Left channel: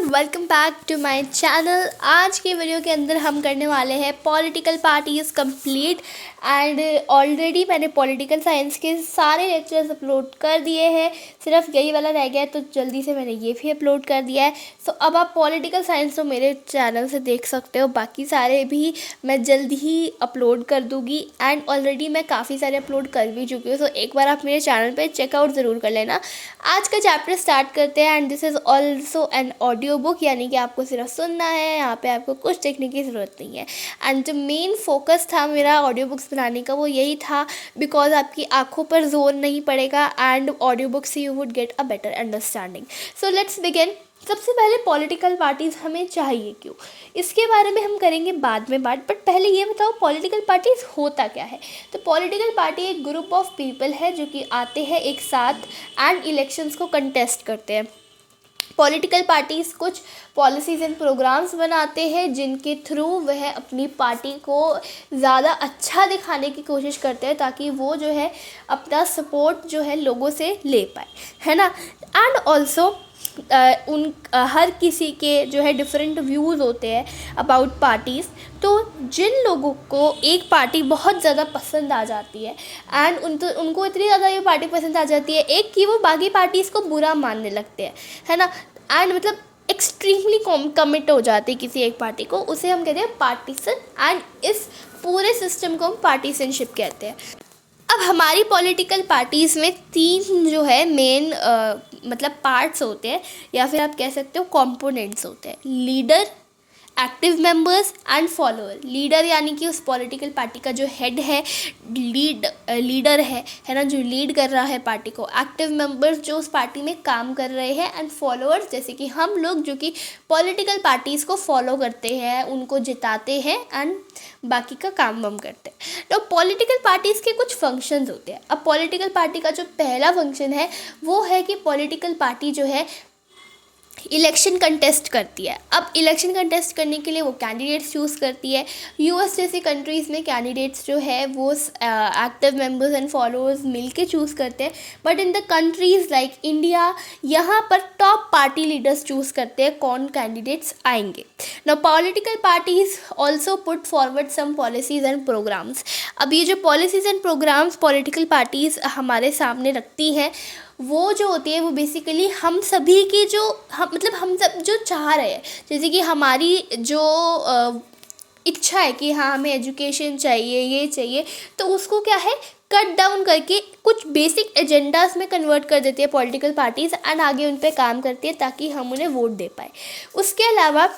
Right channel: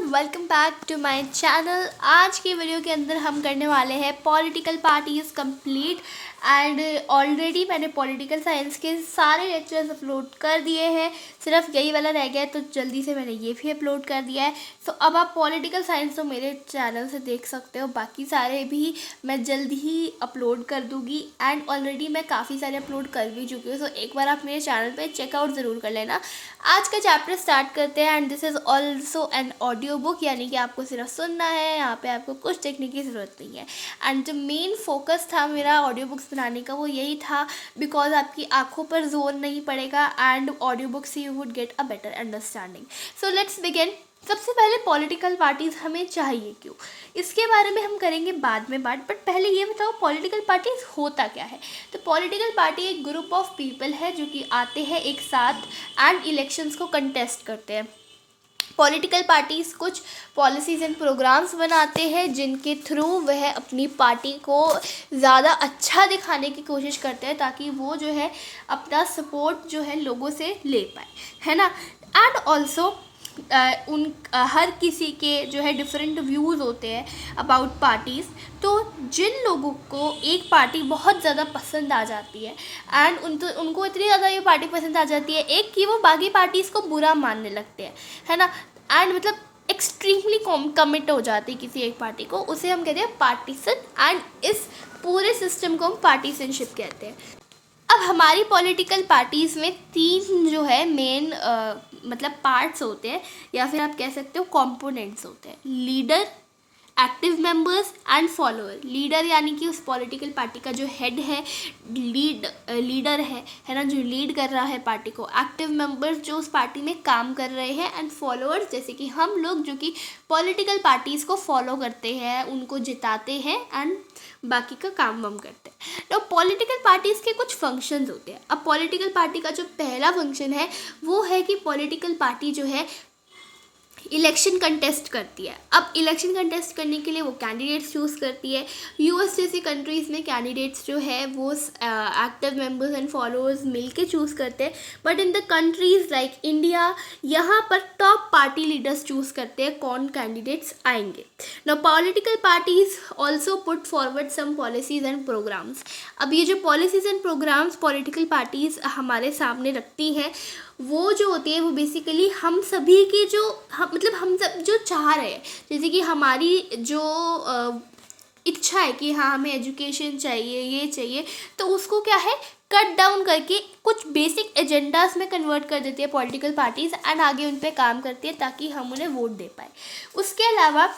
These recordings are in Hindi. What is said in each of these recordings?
Everyone, welcome back to my channel. आज के वीडियो के अंदर हम करने वाले हैं political parties complete. And already मैंने पॉलिटिकल साइंस के सारे लेक्चर्स अपलोड कर दिए हैं, सिर्फ यही वाला रह गया है, तो जल्दी से मैंने ये भी अपलोड कर दिया है। सो अब आप पॉलिटिकल साइंस तो मेरे चैनल से देख सकते हो, बाकी सारे भी मैं जल्दी ही अपलोड कर दूँगी। एंड ऑलरेडी मैं काफ़ी सारे अपलोड कर भी चुकी हूँ, तो एक बार आप मेरे चैनल पर चेकआउट ज़रूर कर लेना। आज का चैप्टर स्टार्ट करते हैं। And this is also an audio book, यानी कि आपको सिर्फ सुनना है, यहाँ पे आपको कुछ देखने की ज़रूरत नहीं है। एंड जो मेन फोकस था मेरा ऑडियो बुक्स बनाने का वो यही था, बिकॉज आपकी आंखों पर जोर नहीं पड़ेगा एंड ऑडियो बुक से you would get a better understanding. So let's begin. सबसे पहले पॉलिटिकल पार्टीज़ हमें चाहिए क्यों, इसके बारे में हम करेंगे बाद में बात। बट पहले ये बताओ पॉलिटिकल पार्टीज़ होता क्या है। तो पॉलिटिकल पार्टी एक ग्रुप ऑफ पीपल है जो कि आते हैं एक साथ एंड इलेक्शंस को कंटेस्ट करते हैं। पॉलिटिकल पार्टीज़ कुछ पॉलिसीज़ एंड प्रोग्राम्स बनाते हैं जिनके थ्रू वह अपनी पार्टी को ज़्यादा अच्छा दिखाने की कोशिश करते हैं, ताकि वो जो है अपना सपोर्ट जो है लोगों से ले पाए, है ना। एंड ऑल्सो हर किसी के जो है डिफरेंट व्यूज़ होते हैं अबाउट पार्टीज़। तो जिन लोगों को एक पार्टी बहुत ज़्यादा पसंद आ जाती है एंड उनको इतनी ज़्यादा ये पार्टी पसंद आ जाती है एक कि वो बाकी पार्टीज़ को बुरा मानने लगते हैं, है ना। एंड मतलब एक्सट्रीमली कमिट हो जाते हैं किसी एक पार्टी को, उसे हम कहते हैं पार्टीसन। एंड इस पूरे सिस्टम को हम पार्टीसनशिप कहते हैं। अब हमारी पॉलिटिकल पार्टीज़ में तीन जो है मेन मतलब पार्ट्स होते हैं, या फिर आप कह सकते हो कंपोनेंट्स होते हैं: leader, active members and follower. Leader यानी कि उस पॉलिटिकल पार्टी का जो हेड है, लीडर है ना, जो लीड कर रहा है पार्टी को। एक्टिव मेंबर्स जो उस पार्टी में काम कर रहे हैं, एंड फॉलोअर्स जैसे कि हम लोग जो कि पॉलिटिकल पार्टीज़ को फॉलो करते हैं, उनको जिताते हैं एंड बाकी का काम वाम करते हैं। तो पॉलिटिकल पार्टीज़ के कुछ फंक्शंस होते हैं। अब पॉलिटिकल पार्टी का जो पहला फंक्शन है वो है कि पॉलिटिकल पार्टी जो है इलेक्शन कंटेस्ट करती है। अब इलेक्शन कंटेस्ट करने के लिए वो कैंडिडेट्स चूज़ करती है। यूएस जैसी कंट्रीज़ में कैंडिडेट्स जो है वो एक्टिव मेंबर्स एंड फॉलोअर्स मिलके चूज़ करते हैं। But in the countries like India, यहाँ पर टॉप पार्टी लीडर्स चूज़ करते हैं कौन कैंडिडेट्स आएंगे। Now political parties also put forward some policies and programmes. अब ये जो policies and programmes political parties हमारे सामने रखती हैं, वो जो होती है वो बेसिकली हम सभी की जो हम सब जो चाह रहे हैं, जैसे कि हमारी जो इच्छा है कि हाँ हमें एजुकेशन चाहिए, ये चाहिए, तो उसको क्या है कट डाउन करके कुछ बेसिक एजेंडास में कन्वर्ट कर देती है पॉलिटिकल पार्टीज़ एंड आगे उन पर काम करती है ताकि हम उन्हें वोट दे पाए। उसके अलावा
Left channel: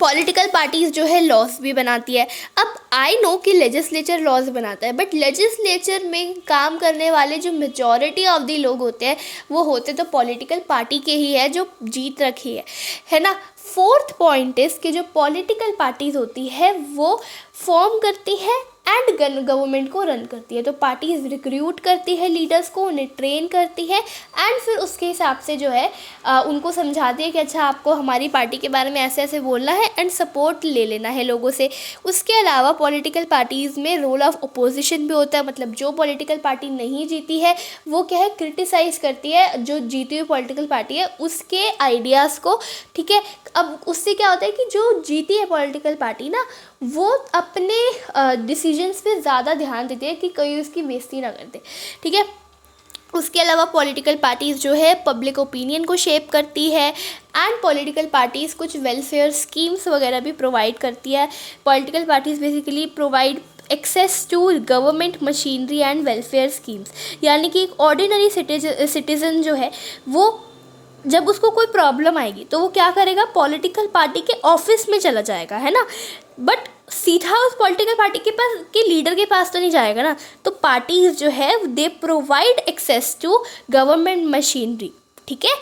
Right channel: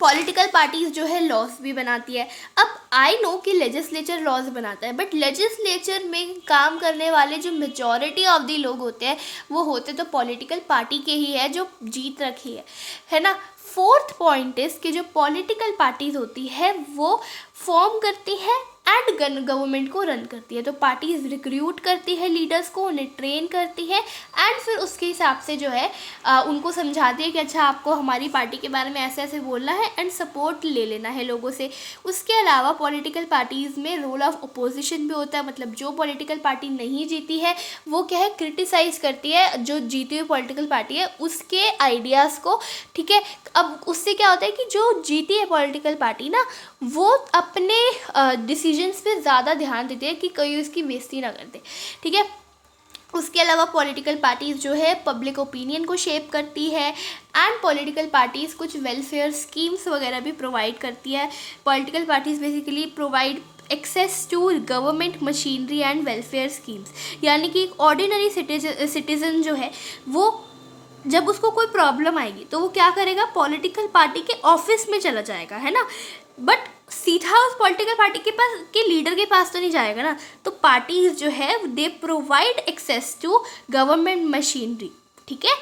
पॉलिटिकल पार्टीज़ जो है लॉज भी बनाती है। अब आई नो कि लेजिस्लेचर लॉज बनाता है, बट लेजिस्लेचर में काम करने वाले जो मेजॉरिटी ऑफ द लोग होते हैं वो होते तो पॉलिटिकल पार्टी के ही है जो जीत रखी है ना। फोर्थ पॉइंट इज़ कि जो पॉलिटिकल पार्टीज़ होती है वो फॉर्म करती है एंड गवर्नमेंट को रन करती है। तो पार्टीज रिक्रूट करती है लीडर्स को, उन्हें ट्रेन करती है एंड फिर उसके हिसाब से जो है उनको समझाती है कि अच्छा आपको हमारी पार्टी के बारे में ऐसे ऐसे बोलना है एंड सपोर्ट ले लेना है लोगों से। उसके अलावा पॉलिटिकल पार्टीज़ में रोल ऑफ अपोजिशन भी होता है। मतलब जो पॉलिटिकल पार्टी नहीं जीती है वो क्या है क्रिटिसाइज़ करती है जो जीती हुई पॉलिटिकल पार्टी है उसके आइडियाज़ को, ठीक है। अब उससे क्या होता है कि जो जीती है पॉलिटिकल पार्टी ना, वो अपने डिसीजंस पे ज़्यादा ध्यान देते हैं कि कोई उसकी बेइज्जती ना कर दे, ठीक है। उसके अलावा पॉलिटिकल पार्टीज़ जो है पब्लिक ओपिनियन को शेप करती है एंड पॉलिटिकल पार्टीज़ कुछ वेलफेयर स्कीम्स वगैरह भी प्रोवाइड करती है। Political parties basically provide access to government machinery and welfare schemes, यानी कि एक ऑर्डिनरी सिटीज़न जो है वो जब उसको कोई प्रॉब्लम आएगी तो वो क्या करेगा, पॉलिटिकल पार्टी के ऑफिस में चला जाएगा, है ना। बट सीधा उस पॉलिटिकल पार्टी के लीडर के पास तो नहीं जाएगा ना। तो पार्टीज जो है they provide access to government machinery, ठीक है।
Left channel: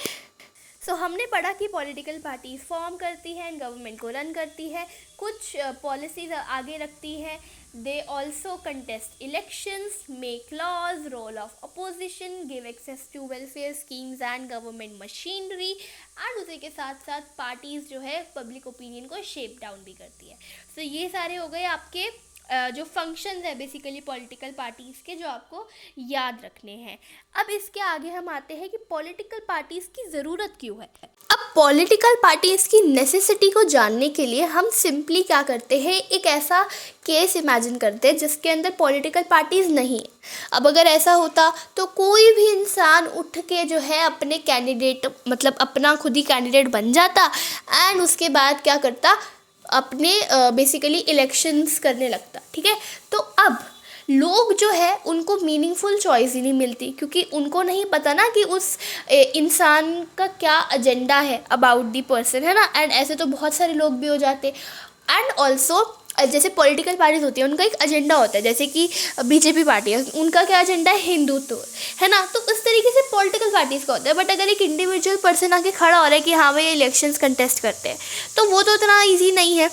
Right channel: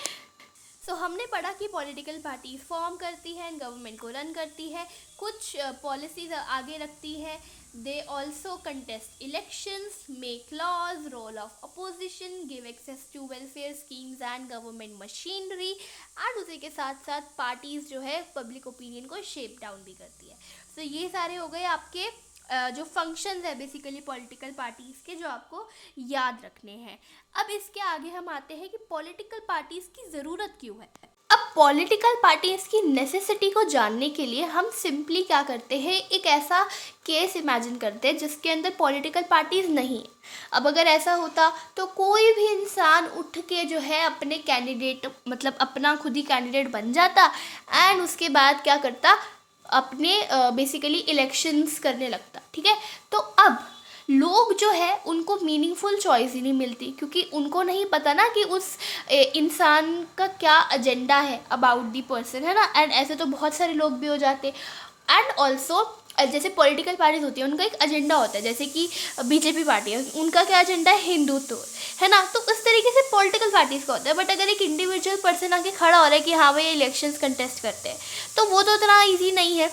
सो हमने पढ़ा कि पॉलिटिकल पार्टीज फॉर्म करती हैं एंड गवर्नमेंट को रन करती है, कुछ पॉलिसीज आगे रखती है। They also contest elections, make laws, role of opposition, give access to welfare schemes and government machinery and उसी के साथ साथ पार्टीज़ जो है पब्लिक ओपिनियन को शेप डाउन भी करती है। सो ये सारे हो गए आपके जो फंक्शंस है बेसिकली पॉलिटिकल पार्टीज़ के, जो आपको याद रखने हैं। अब इसके आगे हम आते हैं कि पॉलिटिकल पार्टीज़ की ज़रूरत क्यों है। अब पॉलिटिकल पार्टीज की नेसेसिटी को जानने के लिए हम सिंपली क्या करते हैं, एक ऐसा केस इमेजिन करते हैं जिसके अंदर पॉलिटिकल पार्टीज नहीं है। अब अगर ऐसा होता तो कोई भी इंसान उठ के जो है अपने कैंडिडेट, मतलब अपना खुद ही कैंडिडेट बन जाता एंड उसके बाद क्या करता, अपने बेसिकली इलेक्शंस करने लगता। ठीक है, तो अब लोग जो है उनको मीनिंगफुल चॉइस ही नहीं मिलती, क्योंकि उनको नहीं पता ना कि उस इंसान का क्या एजेंडा है अबाउट दी पर्सन, है ना। एंड ऐसे तो बहुत सारे लोग भी हो जाते। एंड ऑल्सो जैसे पॉलिटिकल पार्टीज होती है उनका एक एजेंडा होता है, जैसे कि बीजेपी पार्टी है, उनका क्या एजेंडा है, हिंदुत्व, है ना। तो उस तरीके से पॉलिटिकल पार्टीज का होता है। बट अगर एक इंडिविजुअल पर्सन आके खड़ा हो रहा है कि हाँ भाई इलेक्शंस कंटेस्ट करते हैं, तो वो तो इतना ईजी नहीं है।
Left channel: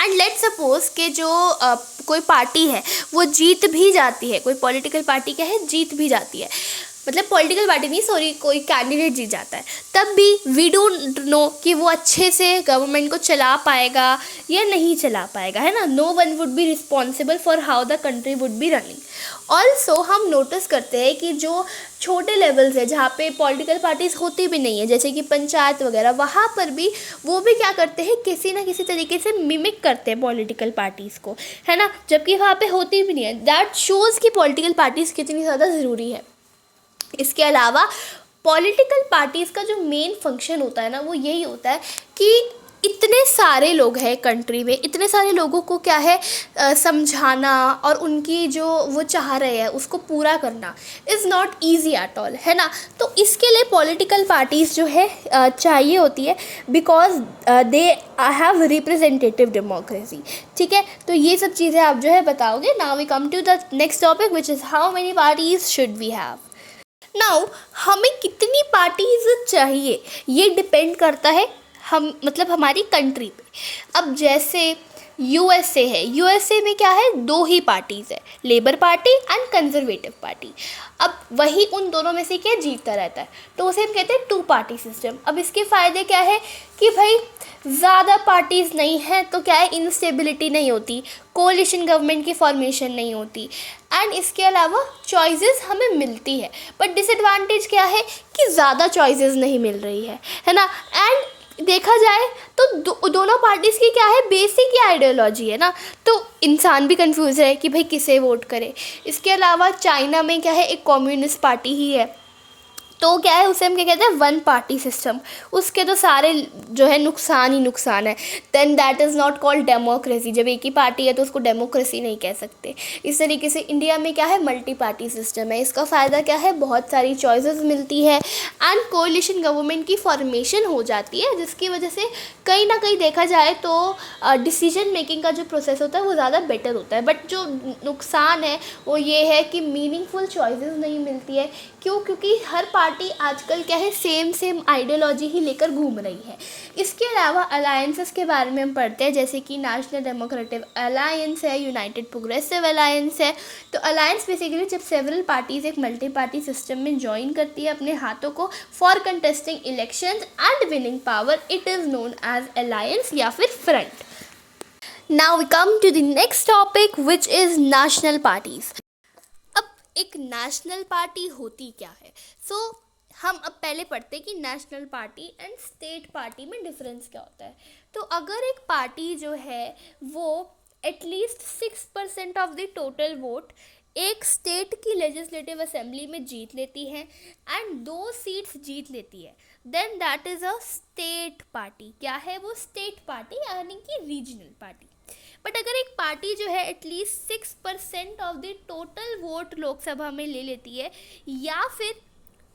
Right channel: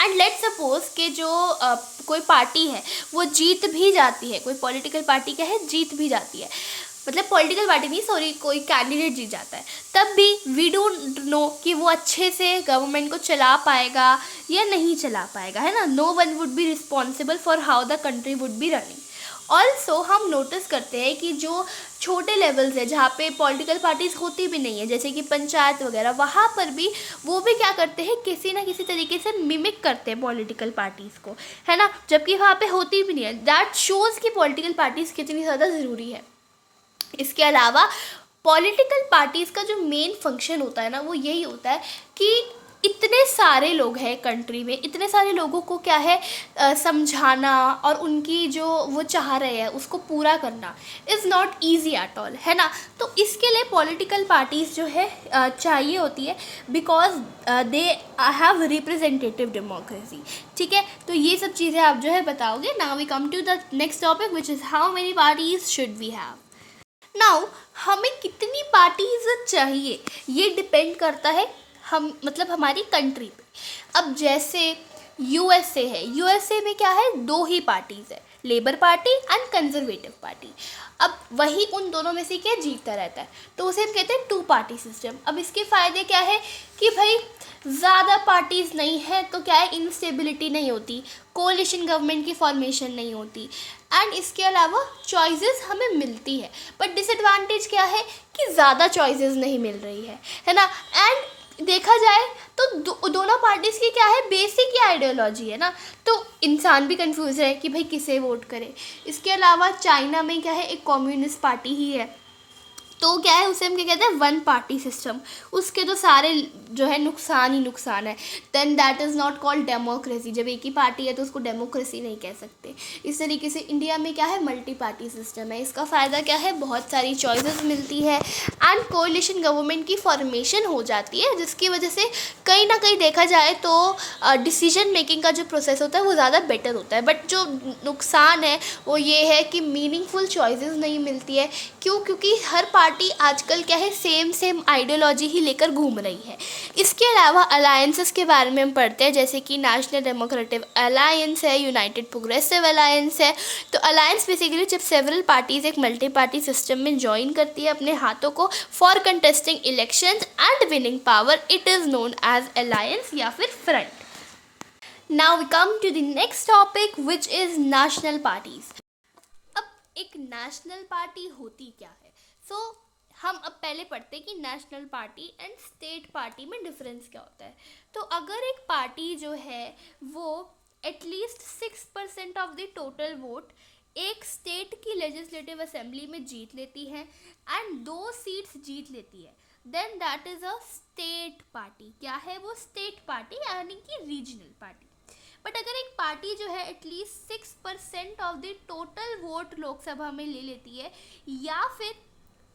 एंड लेट्स सपोज कि जो कोई पार्टी है वो जीत भी जाती है, कोई पॉलिटिकल पार्टी क्या है, जीत भी जाती है, मतलब पॉलिटिकल पार्टी नहीं, सॉरी, कोई कैंडिडेट जीत जाता है, तब भी वी डोंट नो कि वो अच्छे से गवर्नमेंट को चला पाएगा या नहीं चला पाएगा, है ना। No one would be responsible for how the country would be running. Also हम नोटिस करते हैं कि जो छोटे लेवल्स है जहाँ पे पॉलिटिकल पार्टीज होती भी नहीं है, जैसे कि पंचायत वगैरह, वहाँ पर भी वो भी क्या करते हैं, किसी ना किसी तरीके से मिमिक करते हैं पॉलिटिकल पार्टीज़ को, है ना, जबकि वहाँ पे होती भी नहीं है। दैट शोज़ कि पॉलिटिकल पार्टीज़ कितनी ज़्यादा ज़रूरी है। इसके अलावा पॉलिटिकल पार्टीज़ का जो मेन फंक्शन होता है ना, वो यही होता है कि इतने सारे लोग हैं कंट्री में, इतने सारे लोगों को क्या है समझाना और उनकी जो वो चाह रहे हैं उसको पूरा करना is not easy at all, है ना। तो इसके लिए पॉलिटिकल पार्टीज़ जो है चाहिए होती है, because they have representative democracy. ठीक है, तो ये सब चीज़ें आप जो है बताओगे। Now we come to the next topic which is how many parties should we have. Now हमें कितनी पार्टीज चाहिए ये डिपेंड करता है हम, मतलब हमारी कंट्री पे। अब जैसे यूएसए है, यूएसए में क्या है, दो ही पार्टीज़ है, labour party and conservative party. अब वही उन दोनों में से क्या जीतता रहता है, तो उसे हम कहते हैं टू पार्टी सिस्टम। अब इसके फ़ायदे क्या है कि भाई ज़्यादा पार्टीज़ नहीं है तो क्या है, इंस्टेबिलिटी नहीं होती, कोalition गवर्नमेंट की फॉर्मेशन नहीं होती, एंड इसके अलावा चॉइसेस हमें मिलती है। बट डिसएडवांटेज क्या है कि ज़्यादा चॉइसेस नहीं मिल रही है ना। एंड देखा जाए तो दोनों पार्टीज़ की क्या है, बेसिक ही आइडियोलॉजी है ना, तो इंसान भी कंफ्यूज है कि भाई किसे वोट करे। इसके अलावा चाइना में क्या है, एक कम्युनिस्ट पार्टी ही है, तो क्या है उसे हम क्या कहते हैं, वन पार्टी सिस्टम। उसके तो सारे जो है नुकसान ही नुकसान है। Then that is not called democracy. जब एक ही पार्टी है तो उसको डेमोक्रेसी नहीं कह सकते। इस तरीके से इंडिया में क्या है, मल्टी पार्टी सिस्टम है। इसका फ़ायदा क्या है, बहुत सारी चॉइसेस मिलती है एंड कोalition गवर्नमेंट की फॉर्मेशन हो जाती है, जिसकी वजह से कहीं ना कहीं देखा जाए तो डिसीजन मेकिंग का जो प्रोसेस होता है वो ज़्यादा बेटर होता है। बट जो नुकसान है वो ये है कि मीनिंगफुल चॉइसेस नहीं मिलती है। क्यों? क्योंकि हर पार्टी आजकल क्या है, सेम आइडियोलॉजी ही लेकर घूम रही है। इसके अलावा अलायंसेस के बारे में हम पढ़ते हैं, जैसे कि नेशनल डेमोक्रेटिक अलायंस है, यूनाइटेड प्रोग्रेसिव अलायंस है। तो अलायंस बेसिकली जब सेवरल पार्टीज़ एक मल्टी पार्टी सिस्टम में ज्वाइन करती है अपने हाथों को for contesting elections and winning power, it is known as alliance या फिर front. Now we come to the next topic which is national parties. अब एक नेशनल पार्टी होती क्या है? हम अब पहले पढ़ते हैं कि national party and state party में डिफरेंस क्या होता है। तो अगर एक पार्टी जो है वो at least 6% of the total vote एक स्टेट की लेजिस्लेटिव असेंबली में जीत लेती है एंड 2 सीट्स जीत लेती है, then that is a state party. क्या है वो? स्टेट पार्टी, यानी कि रीजनल पार्टी। बट अगर एक पार्टी जो है at least 6% of the total vote Lok Sabha में ले लेती है या फिर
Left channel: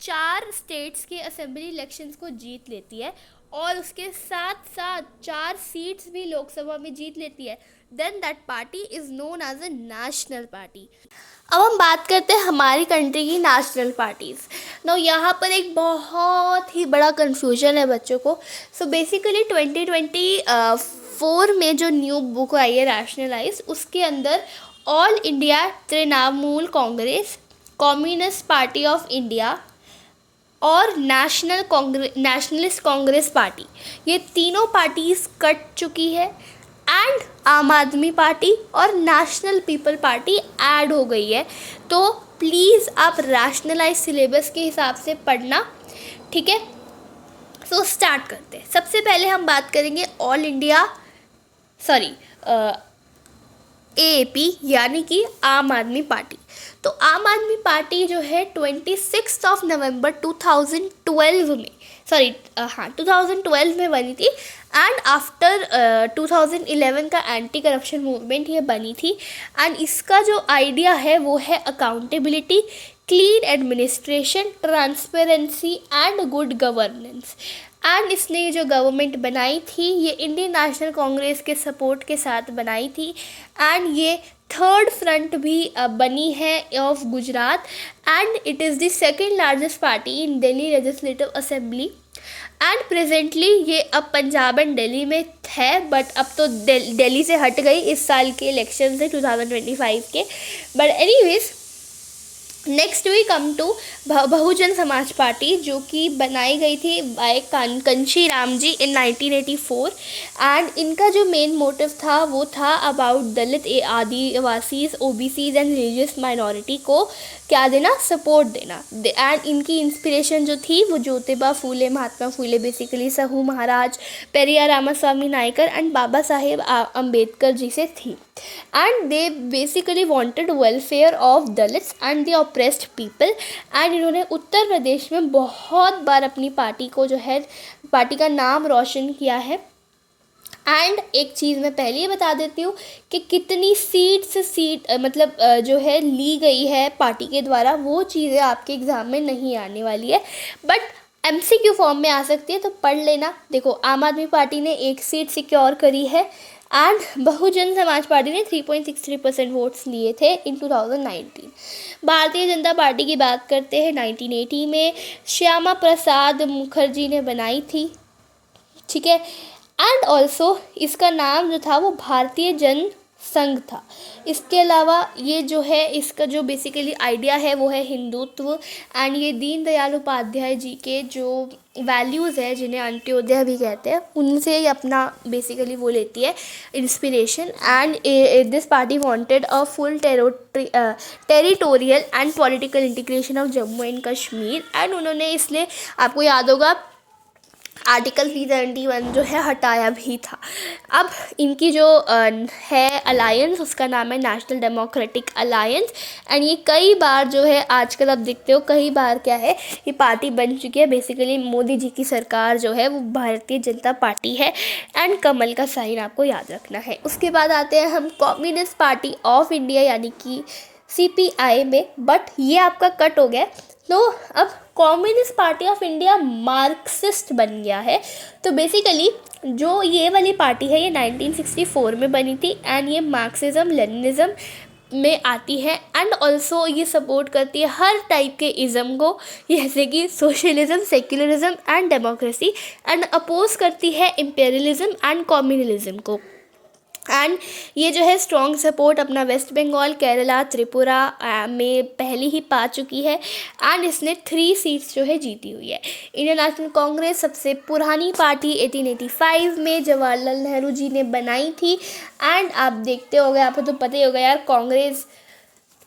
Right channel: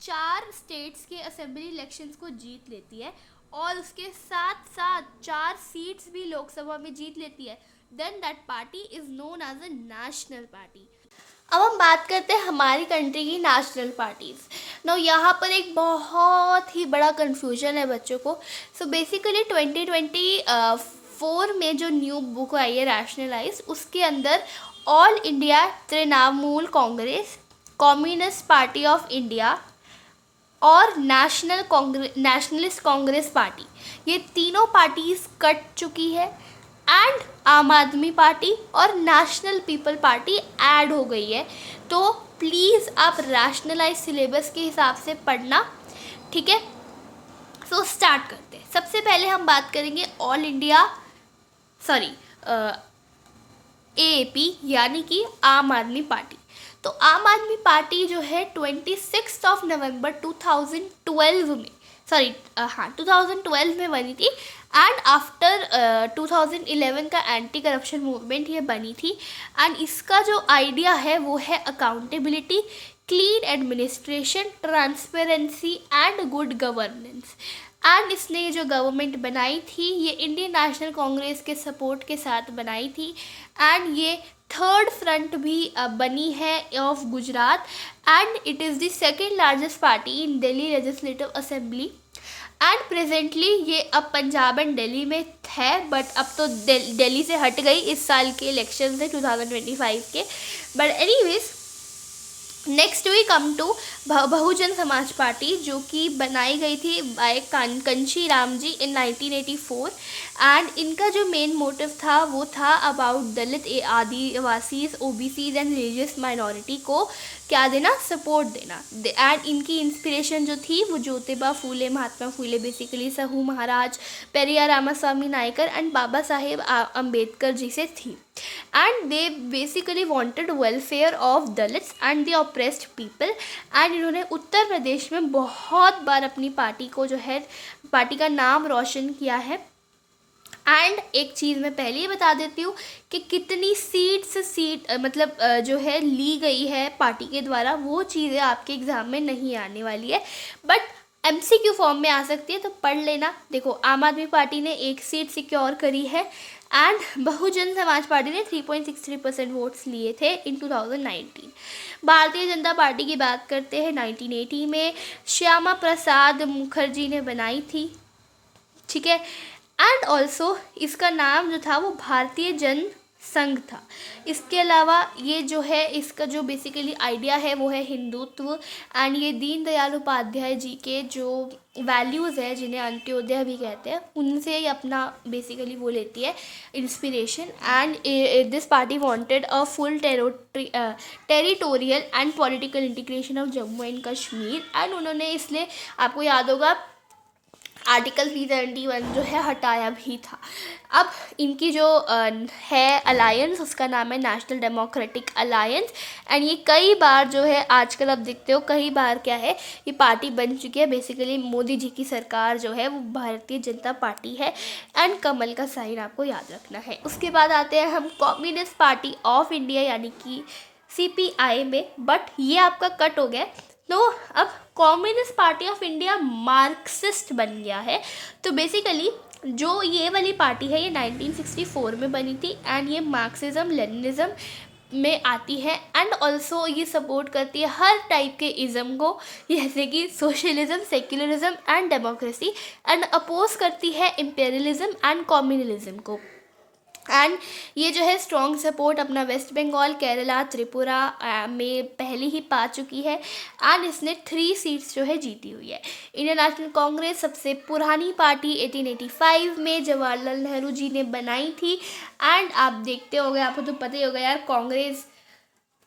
4 स्टेट्स के असेंबली इलेक्शंस को जीत लेती है और उसके साथ साथ 4 सीट्स भी लोकसभा में जीत लेती है, then that party is known as a national party. अब हम बात करते हैं हमारी कंट्री की नेशनल पार्टीज़। नाउ यहाँ पर एक बहुत ही बड़ा कन्फ्यूजन है बच्चों को। सो बेसिकली 2024 में जो न्यू बुक आई है रैशनलाइज, उसके अंदर all India Trinamool Congress, communist party of India और नेशनलिस्ट कांग्रेस पार्टी, ये तीनों पार्टीज़ कट चुकी है एंड आम आदमी पार्टी और नेशनल पीपल पार्टी ऐड हो गई है। तो प्लीज़ आप रैशनलाइज सिलेबस के हिसाब से पढ़ना, ठीक है। सो स्टार्ट करते हैं। सबसे पहले हम बात करेंगे ऑल इंडिया AAP यानी कि आम आदमी पार्टी। तो आम आदमी पार्टी जो है 26 नवंबर 2012 में 2012 में बनी थी। एंड आफ्टर 2011 का एंटी करप्शन मूवमेंट ये बनी थी। एंड इसका जो आइडिया है वो है accountability, clean administration, transparency and good governance. And इसने ये जो गवर्नमेंट बनाई थी ये इंडियन नेशनल कांग्रेस के सपोर्ट के साथ बनाई थी। एंड ये थर्ड फ्रंट भी बनी है of Gujarat. And it is the second largest party in Delhi legislative assembly. And presently ये अब पंजाब एंड दिल्ली में है, बट अब तो दिल्ली से हट गई इस साल के इलेक्शन से 2025 के। But anyways next we come to Bahujan Samaj party, जो कि बनाई गई थी by Kanshi Ram ji in 1984। And इनका जो मेन मोटिव था वो था about Dalit, Adivasis, OBCs and religious minority को क्या देना, सपोर्ट देना। एंड इनकी इंस्पिरेशन जो थी वो ज्योतिबा फूले, महात्मा फूले बेसिकली, सहू महाराज, पेरियार रामास्वामी नायकर एंड बाबा साहेब अम्बेडकर जी से थी। And they basically wanted welfare of Dalits and the oppressed people. And इन्होंने उत्तर प्रदेश में बहुत बार अपनी पार्टी को जो है पार्टी का नाम रोशन किया है। एंड एक चीज़ मैं पहले ही बता देती हूँ कि कितनी सीट मतलब जो है ली गई है पार्टी के द्वारा, वो चीज़ें आपके एग्ज़ाम में नहीं आने वाली है, बट MCQ फॉर्म में आ सकती है, तो पढ़ लेना। देखो, आम आदमी पार्टी ने 1 सीट सिक्योर करी है एंड बहुजन समाज पार्टी ने 3.63% वोट्स लिए थे इन 2019। भारतीय जनता पार्टी की बात करते हैं, 1980 में श्यामा प्रसाद मुखर्जी ने बनाई थी, ठीक है। एंड ऑल्सो इसका नाम जो था वो भारतीय जन संघ था। इसके अलावा ये जो है इसका जो बेसिकली आइडिया है वो है हिंदुत्व। एंड ये दीनदयाल उपाध्याय जी के जो वैल्यूज़ है, जिन्हें अंत्योदय भी कहते हैं, उनसे ही अपना बेसिकली वो लेती है inspiration. And this party wanted a full territorial and political integration of Jammu and Kashmir. And उन्होंने इसलिए, आपको याद होगा, आर्टिकल 371 जो है हटाया भी था। अब इनकी जो है अलायंस, उसका नाम है नेशनल डेमोक्रेटिक अलायंस। एंड ये कई बार जो है आजकल आप देखते हो कई बार क्या है ये पार्टी बन चुकी है। बेसिकली मोदी जी की सरकार जो है वो भारतीय जनता पार्टी है। एंड कमल का साइन आपको याद रखना है। उसके बाद आते हैं हम कम्युनिस्ट पार्टी ऑफ इंडिया यानी कि CPI में, बट ये आपका कट हो गया। तो अब communist party of India Marxist बन गया है। तो बेसिकली जो ये वाली पार्टी है ये 1964 में बनी थी। एंड ये मार्क्सिज्म लेनिनिज्म में आती है। एंड ऑल्सो ये सपोर्ट करती है हर टाइप के इज़म को, जैसे कि socialism, secularism and democracy. And oppose करती है इम्पेरियलिज्म एंड कम्युनलिज्म को। एंड ये जो है स्ट्रॉन्ग सपोर्ट अपना वेस्ट बंगाल, केरला, त्रिपुरा में पहले ही पा चुकी है। एंड इसने 3 सीट्स जो है जीती हुई है। इंडियन नेशनल कांग्रेस सबसे पुरानी पार्टी 1885 में जवाहरलाल नेहरू जी ने बनाई थी। एंड आप देखते होंगे, आपको तो पता ही होगा यार कांग्रेस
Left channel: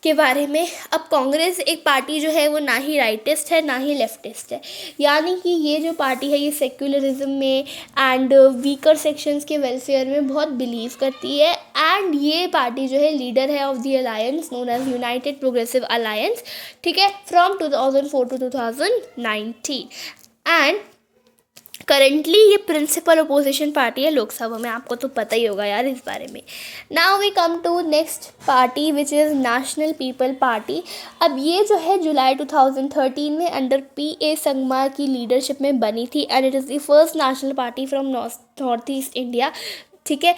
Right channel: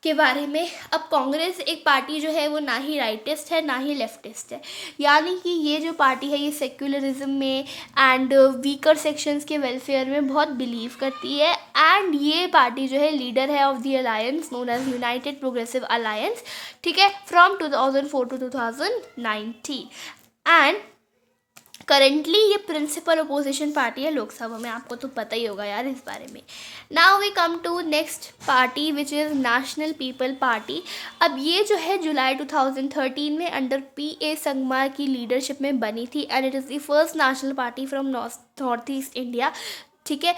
के बारे में। अब कांग्रेस एक पार्टी जो है वो ना ही राइटिस्ट है ना ही लेफ्टिस्ट है, यानी कि ये जो पार्टी है ये सेक्युलरिज्म में एंड वीकर सेक्शंस के वेलफेयर में बहुत बिलीव करती है। एंड ये पार्टी जो है लीडर है of the alliance known as united progressive alliance, ठीक है, फ्रॉम 2004 to 2019। एंड करेंटली ये प्रिंसिपल अपोजिशन पार्टी है लोकसभा में, आपको तो पता ही होगा यार इस बारे में। Now we come to next party which is national people party. अब ये जो है जुलाई 2013 में अंडर PA संगमा की लीडरशिप में बनी थी। And it is the first national party from north east India, ठीक है।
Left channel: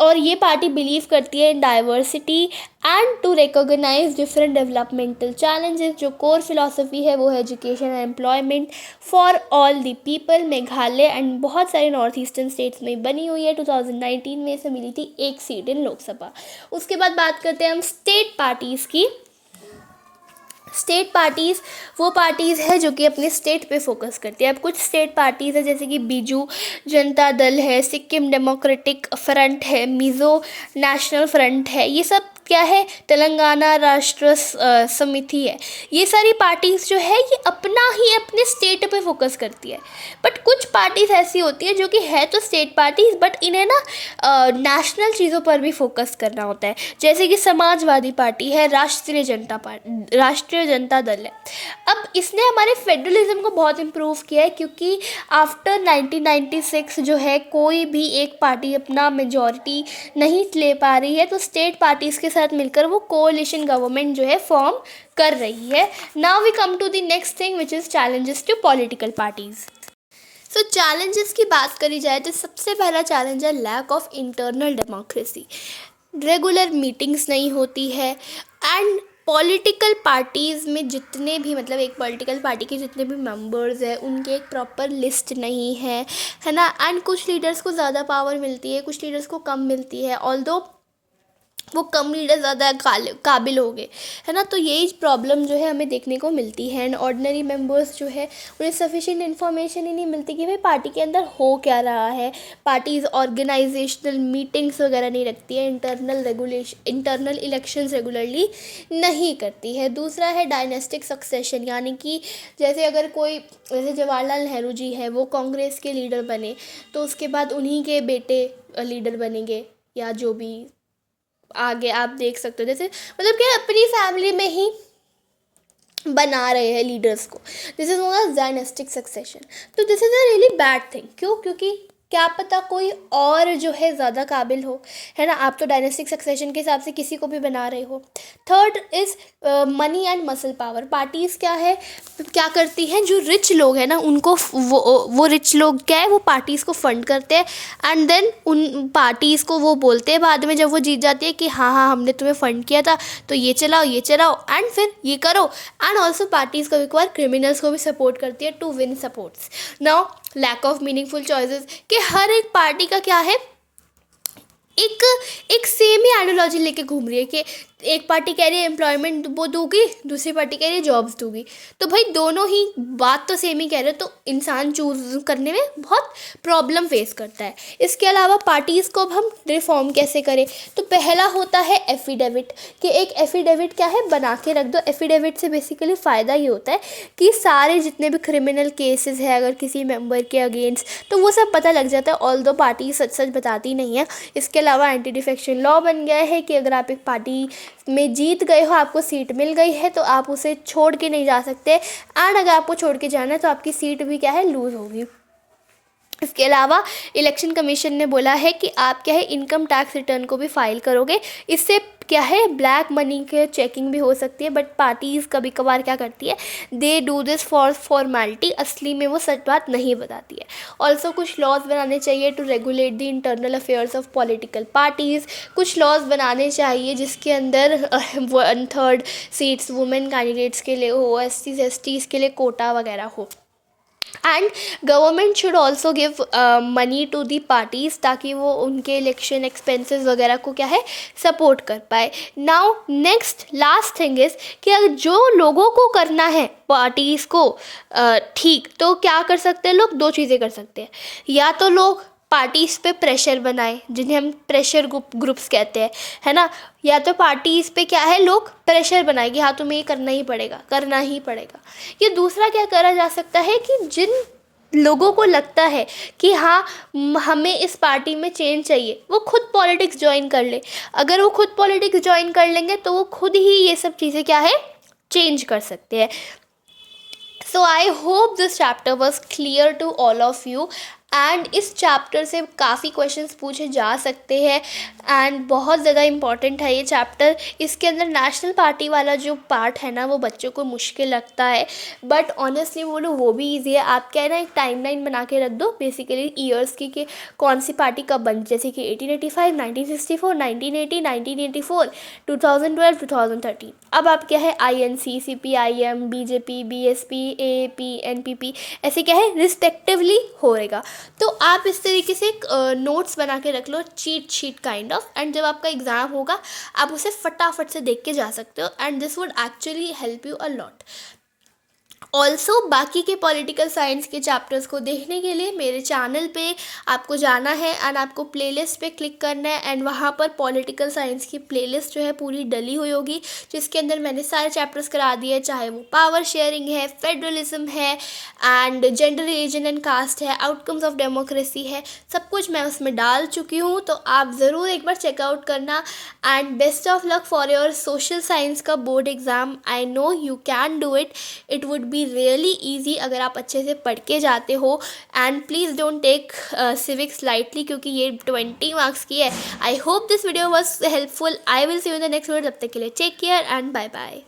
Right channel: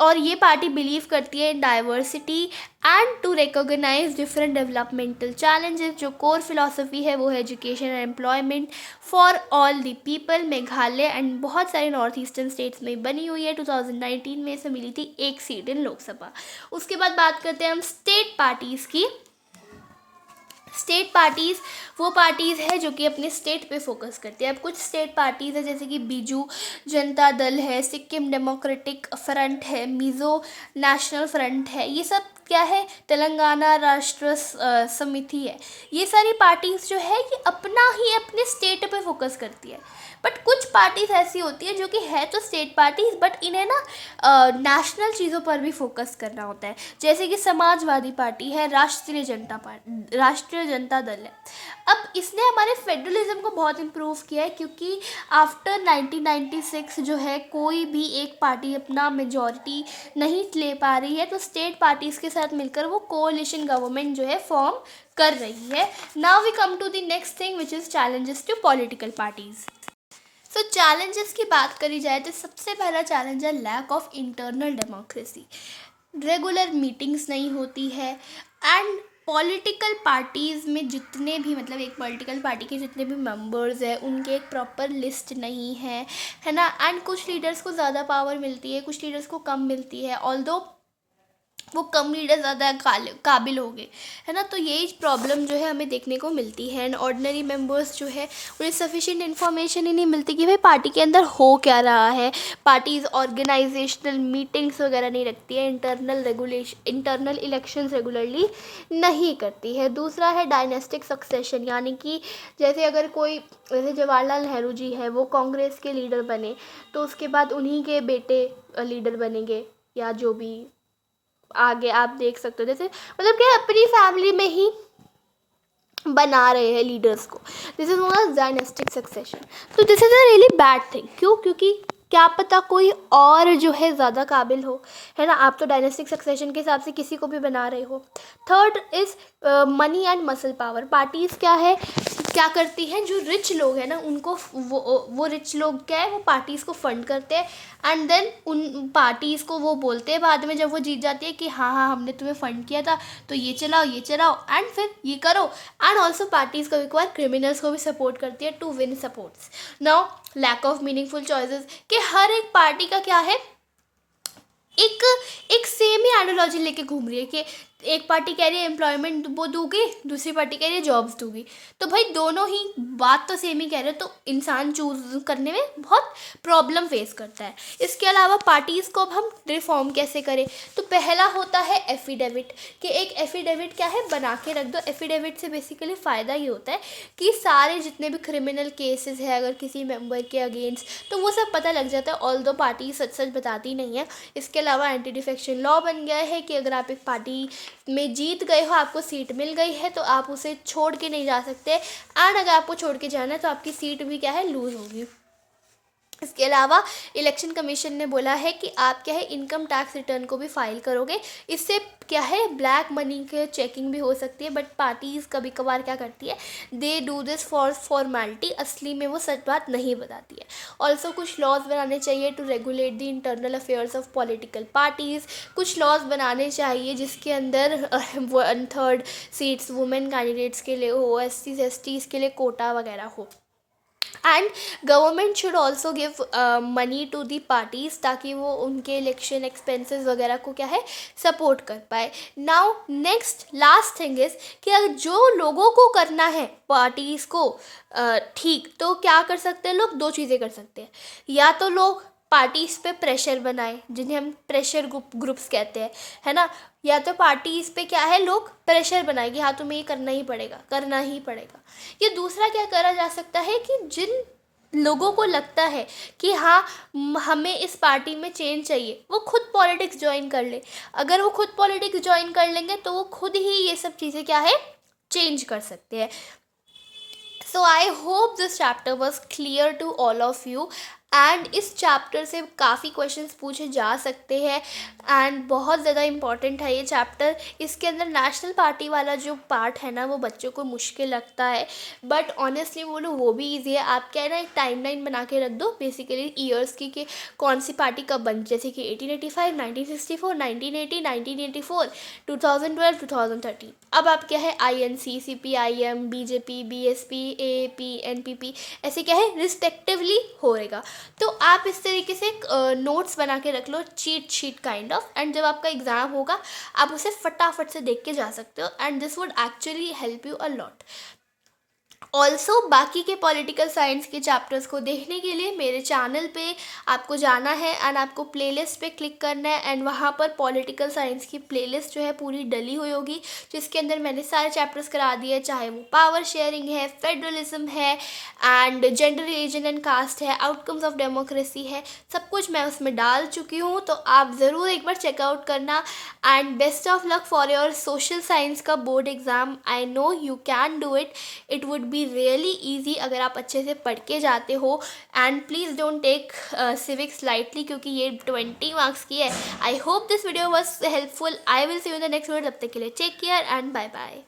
और ये पार्टी बिलीव करती है in diversity and to recognise different developmental challenges. जो कोर फिलॉसफी है वो है education and employment for all the people. Meghalaya and बहुत सारे नॉर्थ ईस्टर्न स्टेट्स में बनी हुई है। 2019 में इसे मिली थी 1 सीट इन लोकसभा। उसके बाद बात करते हैं हम स्टेट पार्टीज़ की। स्टेट पार्टीज़ वो पार्टीज़ है जो कि अपने स्टेट पे फोकस करती है। अब कुछ स्टेट पार्टीज़ है जैसे कि बीजू जनता दल है, सिक्किम डेमोक्रेटिक फ्रंट है, मिज़ो नेशनल फ्रंट है। ये सब क्या है, तेलंगाना राष्ट्र समिति है। ये सारी पार्टीज़ जो है ये अपना ही अपने स्टेट पे फोकस करती है। बट कुछ पार्टीज़ ऐसी होती है जो कि है तो स्टेट पार्टीज़, बट इन्हें ना नेशनल चीज़ों पर भी फोकस करना होता है। जैसे कि समाजवादी पार्टी है, राष्ट्रीय जनता दल है। अब इसने हमारे फेडरलिज्म को बहुत इम्प्रूव किया है, क्योंकि आफ्टर 1996 जो है कोई भी एक पार्टी अपना मेजॉरिटी नहीं ले पा रही है, तो स्टेट पार्टीज़ के साथ मिलकर वो कोalition गवर्नमेंट जो है फॉर्म कर रही है। Now we come to the next thing which is challenges to political parties. So challenges की बात करी जाए तो सबसे पहला चैलेंज है lack of internal democracy. Regular meetings नहीं होती है, एंड पॉलिटिकल पार्टीज़ में जितने भी मतलब एक पॉलिटिकल पार्टी के जितने भी मेंबर्स हैं उनके एक प्रॉपर लिस्ट नहीं है ना। एंड कुछ लीडर्स को ज़्यादा पावर मिलती है, कुछ लीडर्स को कम मिलती है, ऑल्दो वो कम लीडर ज़्यादा काबिल हो गए, है ना। तो यही प्रॉब्लम जो है हमें देखने को मिलती है। एंड ऑर्डिनरी मेंबर्स जो है उन्हें सफिशिएंट इन्फॉर्मेशन ही नहीं मिलती कि भाई पार्टी के अंदर हो क्या रहा है। पार्टीज़ ऑर्गेनाइजेशनल मीटिंग्स वगैरह नहीं रखती है, इंटरनल इलेक्शंस रेगुलरली नहीं करती है। दूसरा है डायनेस्टिक सक्सेशन, यानी कि जैसे अगर कोई, जैसे जवाहरलाल नेहरू जी है वो कांग्रेस के लीडर बने तो उसके बाद उन्हीं के बेटे लीडर बनेंगे, या जो भी आगे आप देख सकते हो। जैसे मतलब कि अपनी फैमिली में ही बना रहे हैं लीडर्स को, this is known as dynastic succession. तो this is a really bad thing. क्यों? क्योंकि क्या पता कोई और जो है ज़्यादा काबिल हो, है ना। आप तो डायनेस्टिक सक्सेशन के हिसाब से किसी को भी बना रहे हो। Third is money and muscle power. Parties क्या है, क्या करती हैं, जो रिच लोग हैं ना उनको वो रिच लोग क्या है वो पार्टीज़ को फंड करते हैं, एंड देन उन पार्टीज़ को वो बोलते हैं बाद में जब वो जीत जाती है कि हाँ हाँ हमने तुम्हें फंड किया था तो ये चलाओ एंड फिर ये करो। एंड ऑल्सो पार्टीज़ कभी कभार क्रिमिनल्स को भी सपोर्ट करती है to win supports. Now lack of meaningful choices, कि हर एक पार्टी का क्या है, एक सेम ही आइडियोलॉजी लेके घूम रही है कि एक पार्टी कह रही है एम्प्लॉयमेंट वो दूंगी, दूसरी पार्टी कह रही है जॉब्स दूंगी। तो भाई दोनों ही बात तो सेम ही कह रहे हो, तो इंसान चूज करने में बहुत प्रॉब्लम फेस करता है। इसके अलावा पार्टीज़ को अब हम रिफॉर्म कैसे करें, तो पहला होता है एफिडेविट, कि एक एफिडेविट क्या है बना के रख दो। एफिडेविट से बेसिकली फ़ायदा ये होता है कि सारे जितने भी क्रिमिनल केसेस है अगर किसी मेंबर के अगेंस्ट, तो वो सब पता लग जाता है, ऑल्दो पार्टी सच सच बताती नहीं है। इसके अलावा एंटी डिफेक्शन लॉ बन गया है कि अगर आप एक पार्टी में जीत गए हो, आपको सीट मिल गई है, तो आप उसे छोड़ के नहीं जा सकते, एंड अगर आपको छोड़ के जाना है तो आपकी सीट भी क्या है लूज़ होगी। इसके अलावा इलेक्शन कमीशन ने बोला है कि आप क्या है इनकम टैक्स रिटर्न को भी फाइल करोगे, इससे क्या है ब्लैक मनी के चेकिंग भी हो सकती है। बट पार्टीज़ कभी कभार क्या करती है, they do this for formality, असली में वो सच बात नहीं बताती है। ऑल्सो कुछ लॉज बनाने चाहिए to regulate the internal affairs of political parties. कुछ लॉज बनाने चाहिए जिसके अंदर 1/3 सीट्स वुमेन कैंडिडेट्स के लिए हो, SCs के लिए कोटा वगैरह हो। And government should also give money to the parties ताकि वो उनके इलेक्शन एक्सपेंसेस वगैरह को क्या है सपोर्ट कर पाए। Now next last thing is कि अगर जो लोगों को करना है पार्टीज़ को ठीक, तो क्या कर सकते हैं लोग, दो चीज़ें कर सकते हैं। या तो लोग पार्टीज़ पे प्रेशर बनाए जिन्हें हम प्रेशर ग्रुप्स कहते हैं, है ना। या तो पार्टीज़ पे क्या है लोग प्रेशर बनाए कि हाँ तुम्हें ये करना ही पड़ेगा, करना ही पड़ेगा। ये दूसरा क्या करा जा सकता है कि जिन लोगों को लगता है कि हाँ हमें इस पार्टी में चेंज चाहिए, वो खुद पॉलिटिक्स ज्वाइन कर ले। अगर वो खुद पॉलिटिक्स ज्वाइन कर लेंगे तो वो खुद ही ये सब चीज़ें क्या है चेंज कर सकते हैं। So I hope this chapter was clear to all of you, and इस चैप्टर से काफ़ी क्वेश्चंस पूछे जा सकते हैं, एंड बहुत ज़्यादा इम्पॉर्टेंट है ये चैप्टर। इसके अंदर नेशनल पार्टी वाला जो पार्ट है ना वो बच्चों को मुश्किल लगता है, बट ऑनेस्टली बोलो वो भी ईजी है। आप क्या है ना एक टाइमलाइन बना के रख दो बेसिकली ईयर्स की कि कौन सी पार्टी कब बनी, जैसे कि 1885, 1964, 1980, 1984, 2012, 2013। अब आप क्या है INC, CPIM, BJP, BSP, AAP, NPP ऐसे क्या है रिस्पेक्टिवली होएगा। तो आप इस तरीके से नोट्स बना के रख लो, cheat sheet kind of, and जब आपका एग्ज़ाम होगा आप उसे फटाफट से देख के जा सकते हो, and this would actually help you a lot. Also बाकी के पॉलिटिकल साइंस के चैप्टर्स को देखने के लिए मेरे चैनल पे आपको जाना है एंड आपको प्लेलिस्ट पे क्लिक करना है एंड वहाँ पर पॉलिटिकल साइंस की प्लेलिस्ट जो है पूरी डली हुई होगी, जिसके अंदर मैंने सारे चैप्टर्स करा दिए, चाहे वो पावर शेयरिंग है, फेडरलिज्म है and gender, religion and caste है, आउटकम्स ऑफ डेमोक्रेसी है, सब कुछ मैं उसमें डाल चुकी हूँ। तो आप ज़रूर एक बार चेकआउट करना and best of luck for your social science का board exam. I know you can do it, it would be really easy अगर आप अच्छे से पढ़ के जाते हो। And please don't take civics lightly, क्योंकि ये 20 मार्क्स की है। I hope this video was helpful. I will see you in the next video. तब तक के लिए take care and bye bye.